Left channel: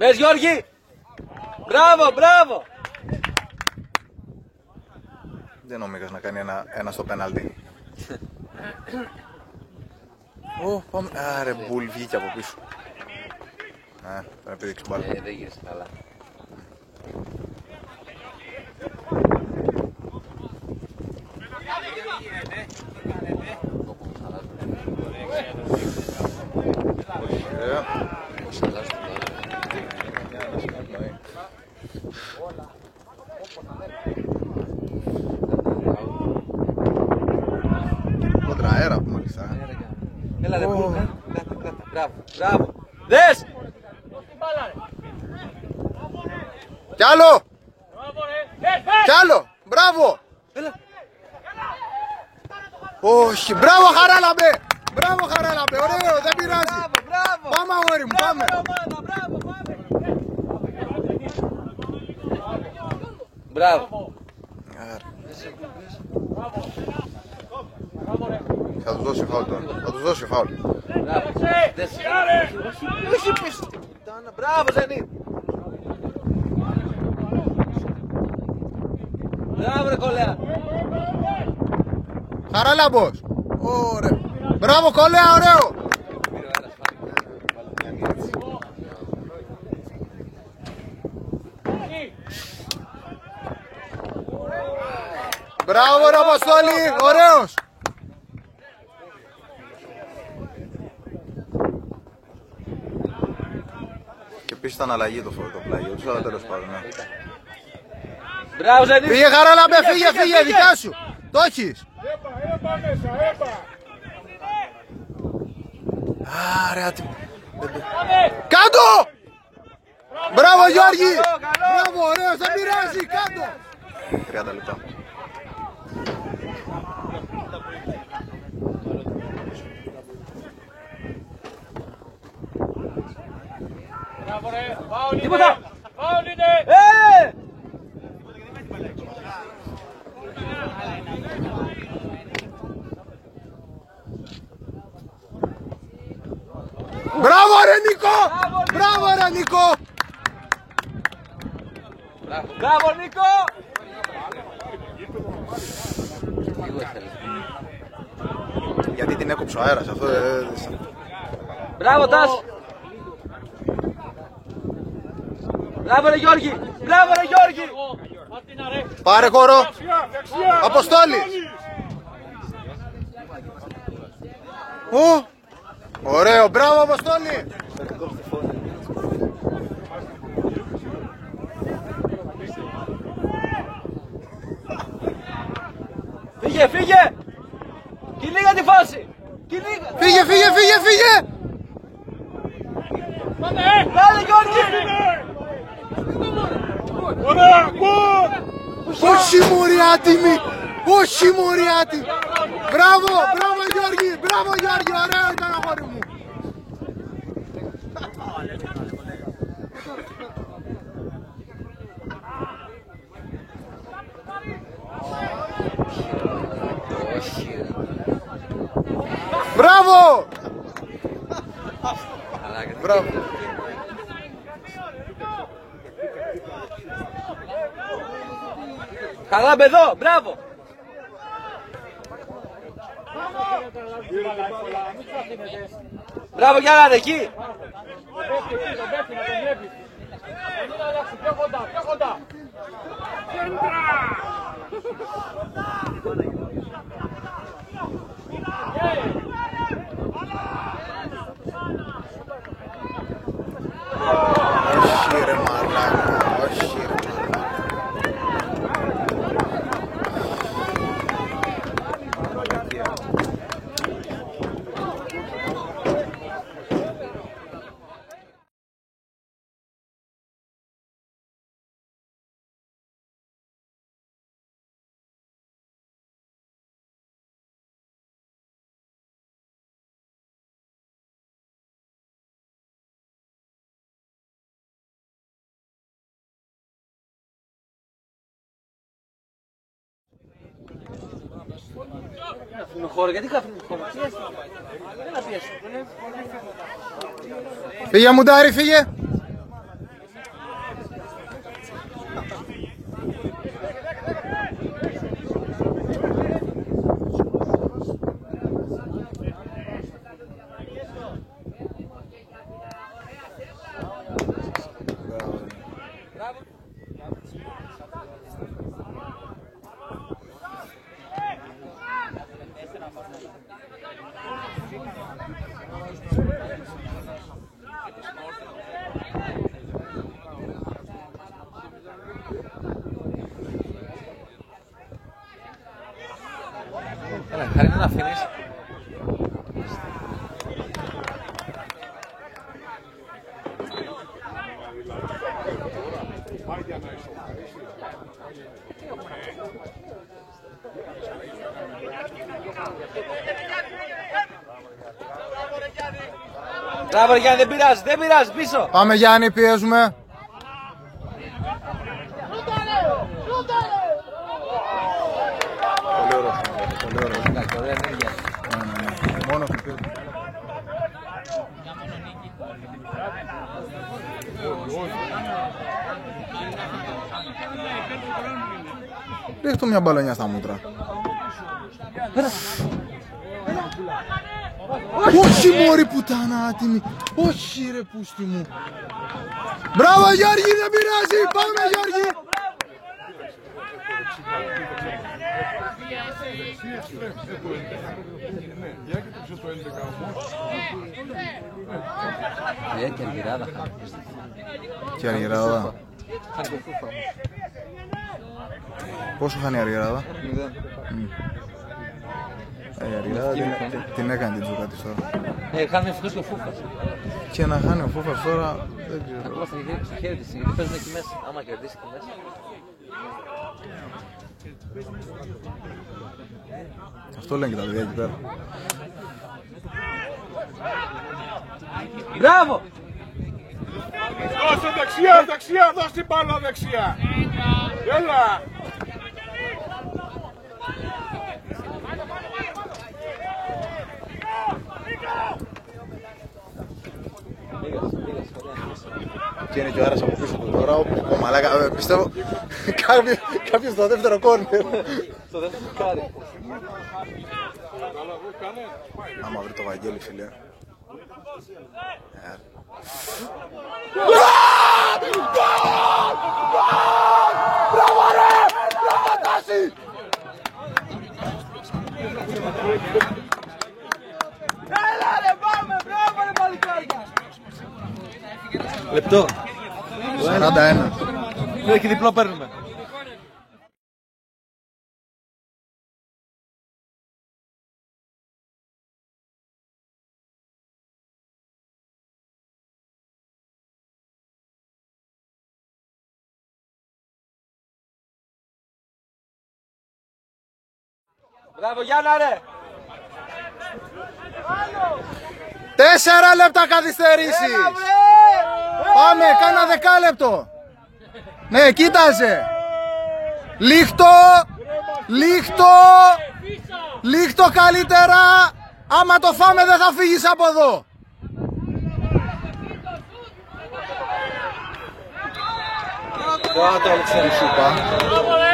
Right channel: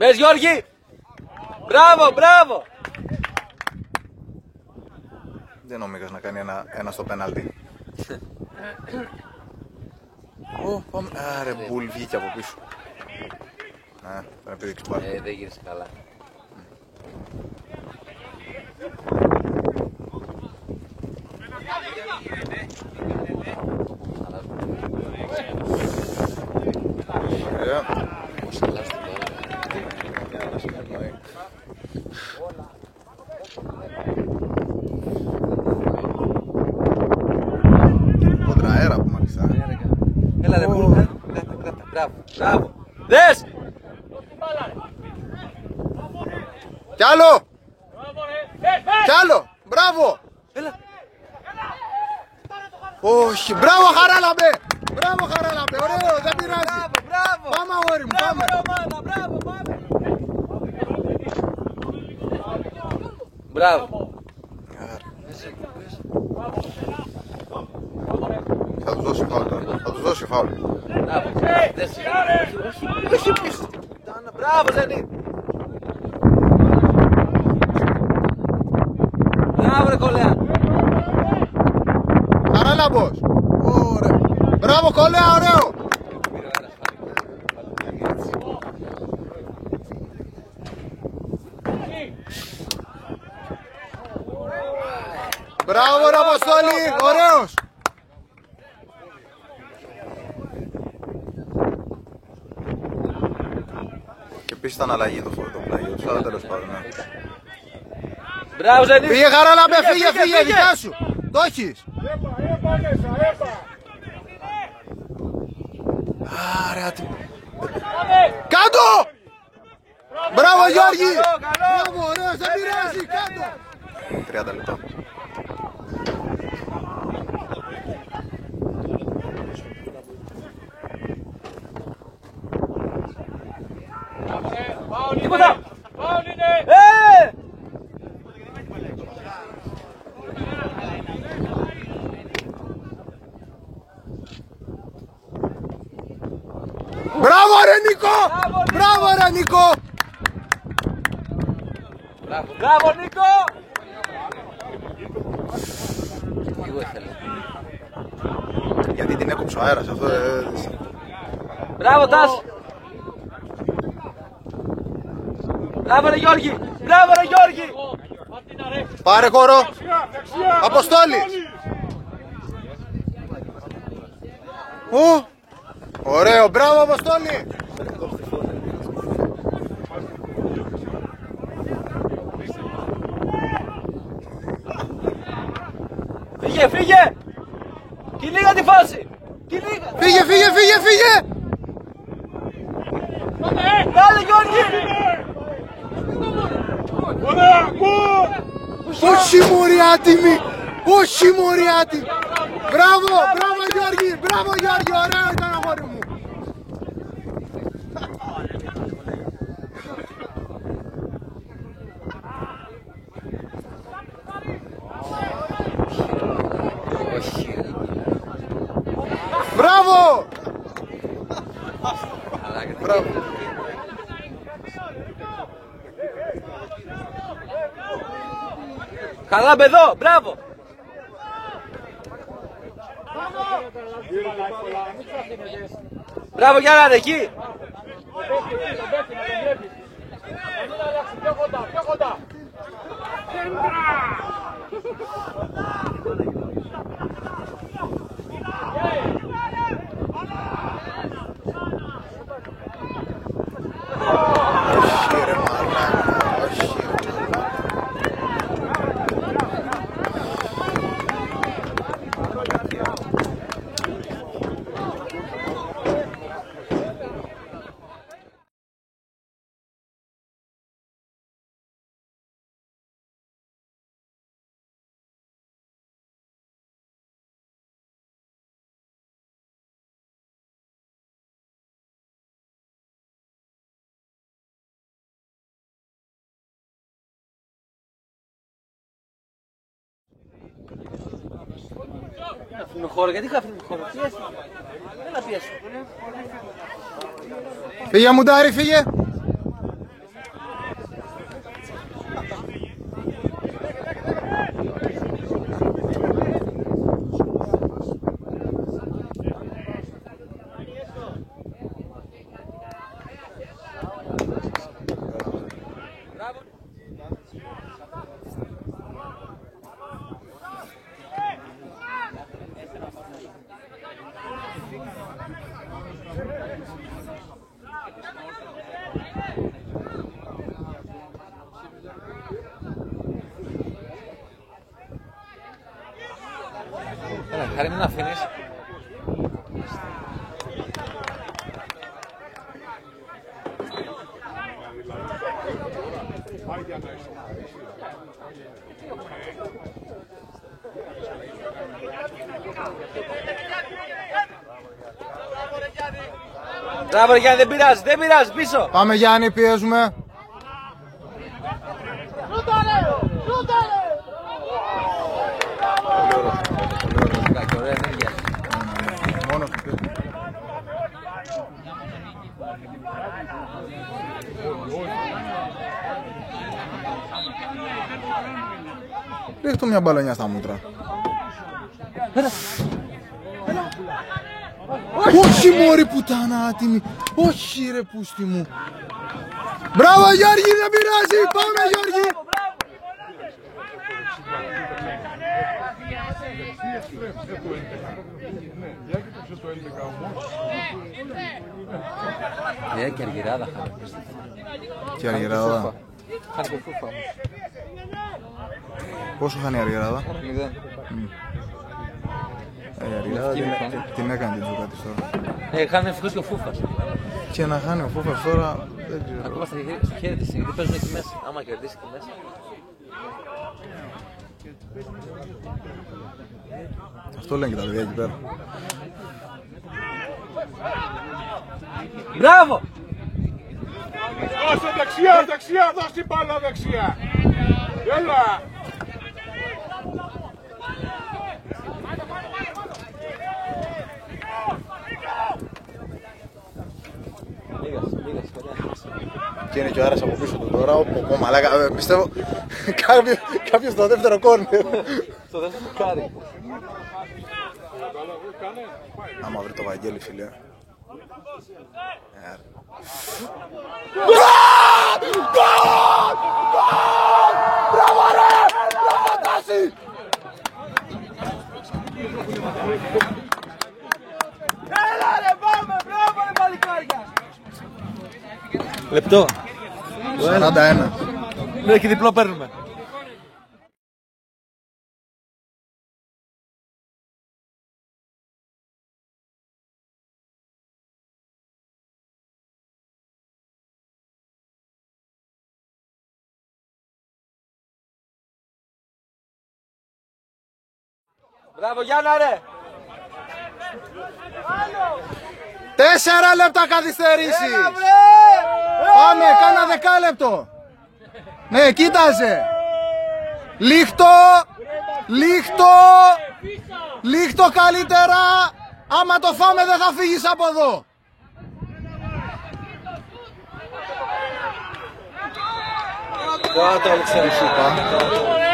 Μπες Γιώργη! Μπράβο, μπράβο! Δεν ο Μίκας να κάνει ένα στο πέναλτι. Άρε μπουλ βγήκε από πίσω. Ναι, θα επιδείξει μπάλα. Δεν γύρισε καλά. Κόντρα αέρα που μάλιστα. Έλα ρε μπράβο, μπράβο. Δες! Κι άλλο! Κι άλλο! Μπράβο! Όχι, μπράβο Χαράλαμπε! Μπράβο Χαράλαμπε, ωραίο, δεν πειράζει. Πάμε αγόρι μου, πάμε. Μπράβο. Θα τους δώσει φάουλ τώρα, θα τους δώσει φάουλ. Μπράβο Ζένι. Μπράβο ρε κολλέα. Χαράλαμπος! Ωραία. Μπράβο κολλέα, ωραίο! Μπράβο ρε Αποστόλη, ωραίος! Και επίσης ήταν αλλαγή το πλάγιο τους, αλλά τέλος πάντων. Μπράβο Ζένι. Φύγε Χαράλαμπε, φύγε, δικιά σου! Το έχεις! Άρα, κάτω! Μπράβο Γιώργη! Μπράβο, ωραίος, δεν πειράζει, κάτω! 30 λεπτά. Τίποτα! Μπράβο ρε Νίκο! Μπράβο ρε Νίκο! Μπράβο Νίκο! Γιατί την έκοψε ο αέρας, αυτό Μπράβο Τάσο! Μπράβο ρε Γιώργη! Μπράβο ρε Γιώργη! Πάρε χώρο! Αποστόλη! Ωραίο, μπράβο Αποστόλη! Φύγε! Κυνήγα τη φάση! Φύγε! Κάλε Γιώργη! Όχι μωρή άτιμη! Όχι μωρή άτιμη! Μπράβο Γιώργη! Ωραίο ήταν αγόρι μου! Μπράβο! Μπράβο! Καλά μπεδό, μπράβο! Μπράβο Γιάννη, εκεί! Αφήνουμε χώρο, γιατί αφήνουμε χώρο, πιέσει. Δεν να πιέσει. Φύγε Μουντάρη, φύγε. Έλα, χάρη να αφήνεις. Μπράβο Γιάννη, δεν πειράζει, δεν πειράζει, πίσω. Πάμε Γιάννη, πιέζουμε. Πολύ ωραίο. Πολύ ωραία ενέργεια. Μόνο σου πει. Ρίχτω μια μπαλονιά στα μούτρα. Όχι μωρή πουτάνα άτιμη. Όχι ρε πούστη μου. Μπράβο Γιώργη, δεν πειράζει. Πάμε Γιώργη. Και αργυράδα. Και αργυράδα. Πόσο χάνει η αργυράδα? Η αργυράδα την έκανε την τζούκα της τώρα. Χάνει ευτυχώς και ο Φούφας. Και να χάνει ο Φούφας τώρα δεν ξέρω. Ακόμα στο χέρι της, γιατί παίζουν εκεί μέσα. Άμα κερδίσει εκεί μέσα. Αυτό λένε και τα παιδιά εκεί πέρα. Μπράβο! Δώσε δεξιά, δεξιά, δώσε την μπάλα δεξιά. Έλα. Και είναι και ο Άρας από πίσω του τώρα, ο μαλάκα, πιστεύω κάποιος στο δεύτερο κόρνο. Στο δεύτερο κάρι. Άμα βρει το Βαγγέλη φίλε. Μπράβο ρε! Μπράβο Τάση! Έλα ρε, πάμε, μπράβο ρε παλικάρια. Λεπτό. 41. Ναι, και διπλό παίρνουμε. Μπράβο Γιάννα ρε. 4 λεπτά καθυστερήσει. Πάμε, κάνα δεκάλεπτο. Ναι, κοίταζε. Λίχτο. Λίχτο. Λίχτο καλύτερα. Άμα το φάμε δεν θα φύγεις από εδώ. Κάτω, Αλεξάνδρου.